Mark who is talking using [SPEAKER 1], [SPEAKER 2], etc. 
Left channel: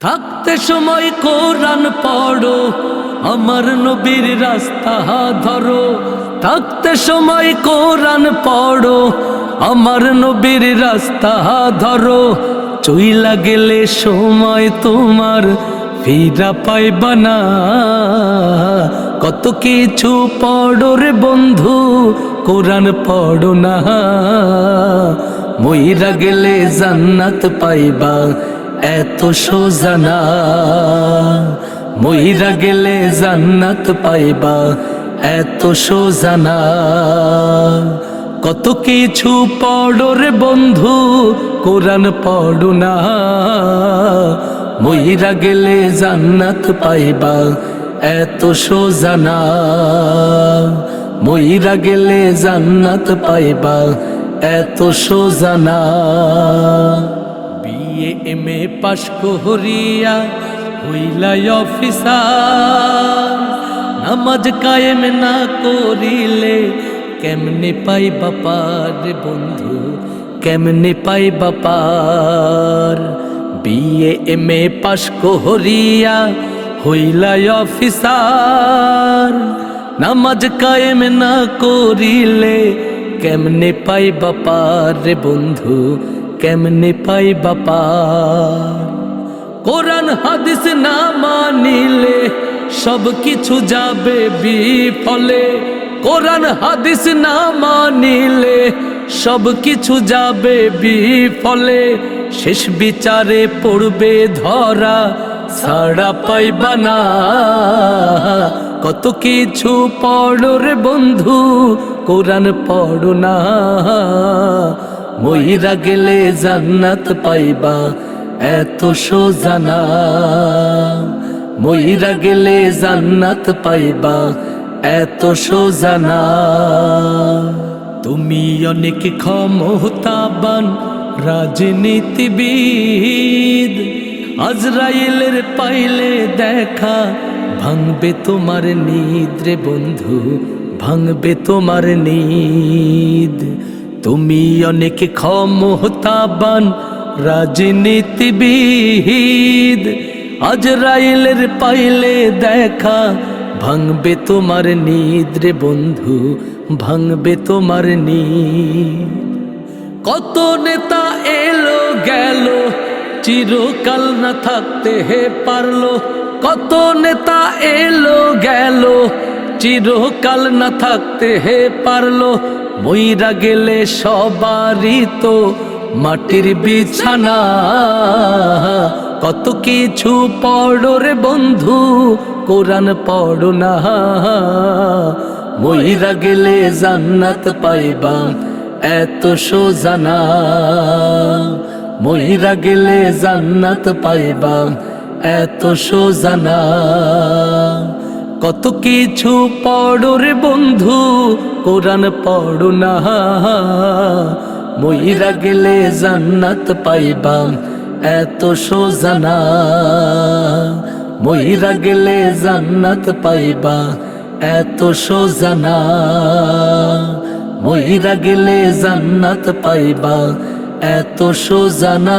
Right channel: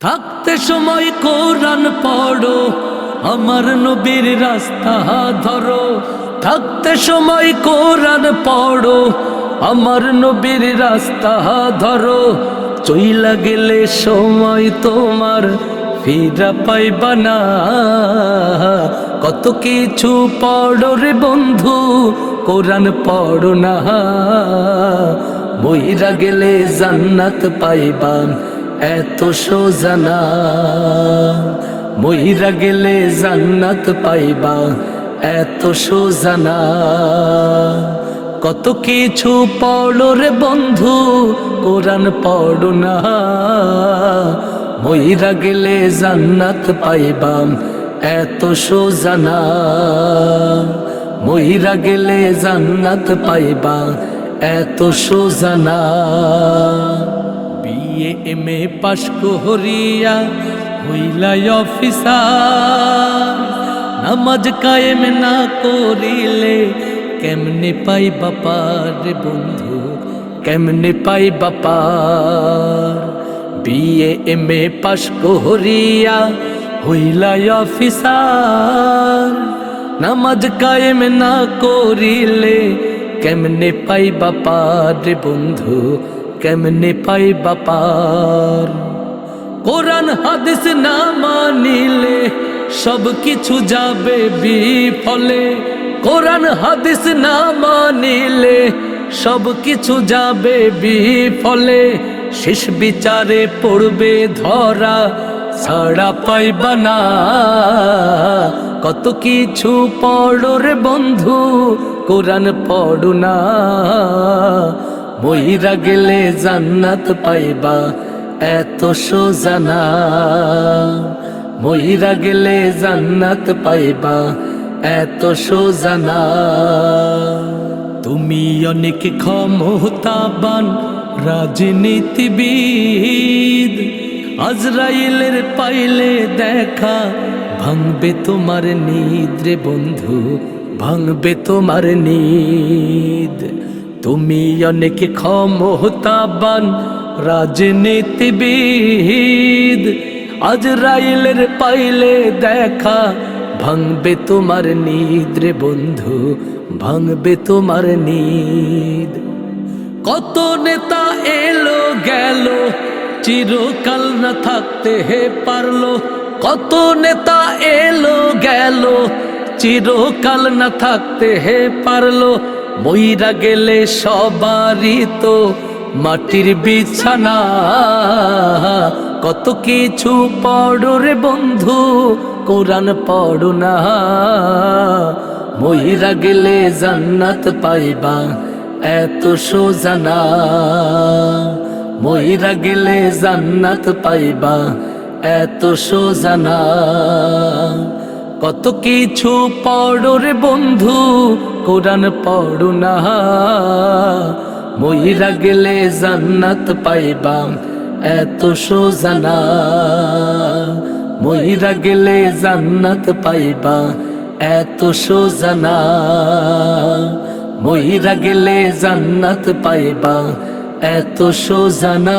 [SPEAKER 1] থাকতে সময় কোরআন পড়ো, আমার নবীর রাস্তা ধরো। থাকতে সময় কোরআন পড়ো, আমার নবীর রাস্তা ধরো। চইলা গেলে সময় তোমার ফিরা পাইবা না। কত কিছু পড়ো রে বন্ধু, কোরআন পড়ো না। মইরা গেলে জান্নাত পাইবা। এত সোজানা মইরা গেলে জান্নাত পাইবা। এত সোজানা কত কিছু পড়ো রে বন্ধু, কোরআন পড়ো না। মইরা গেলে জান্নাত পাইবা। এত সোজানা মইরা গেলে জান্নাত পাইবা। এত সোজানা বিয়ে এম এ পাশ করিয়া হইলাই অফিসার। নামাজ কায়েম না করিলে কেমনে পাই বাপার বন্ধু, কেমনে পাই বাপার বিয়ে এম এ পাশ করিয়া হইলাই অফিসার। নামাজ কায়েম না করিলে কেমনে পাই বাপার বন্ধু কেমনে পাই বাপার কোরআন, হাদিস না মানিলে সব কিছু যাবে বিফলে। কোরআন, হাদিস না মানিলে সব কিছু যাবে বিফলে। শেষ বিচারে পড়বে ধরা ছাড়া পাইবা না। কত কিছু পড়ো রে বন্ধু, কোরআন পড়ো না। মহিরা গেলে জান্নাত পাইবা, এত সোজানা মহিরা গেলে জান্নাত পাইবা, এত সোজানা তুমি অনেক ক্ষমতাবান, রাজনীতিবিদ। আজরাইলের পাইলে দেখা, ভাঙবে তোমার নিদ্রে বন্ধু, ভাঙবে তোমার নিদ। তুমি অনেক ক্ষমতাবান, রাজনীতিবিদ। আজরাইলের পাইলে দেখা, ভাঙবে তোমার নিদ্রে বন্ধু, ভাঙবে তোমার নিদ। কত নেতা এলো, গেল, চিরকাল না থাকতে হে পারল। কত নেতা এলো, গেল, চিরকাল না থাকতে হে পারল। মইরা গেলে সবারই তো মাটির বিছানা। কত কিছু পড়ো রে বন্ধু, কোরআন পড়ো না। মইরা গেলে জান্নাত পাইবা, এত সোজানা মহিরা গেলে জান্নাত পাইবা, এত সোজানা কত কিছু পড়ো রে বন্ধু, কোরআন পড়ো না। মহিরা গেলে জান্নাত পাইবা এত সোজানা মহিরা গেলে জান্নাত পাইবা এত সোজানা মহিরা গেলে জান্নাত পাইবা এত সোজানা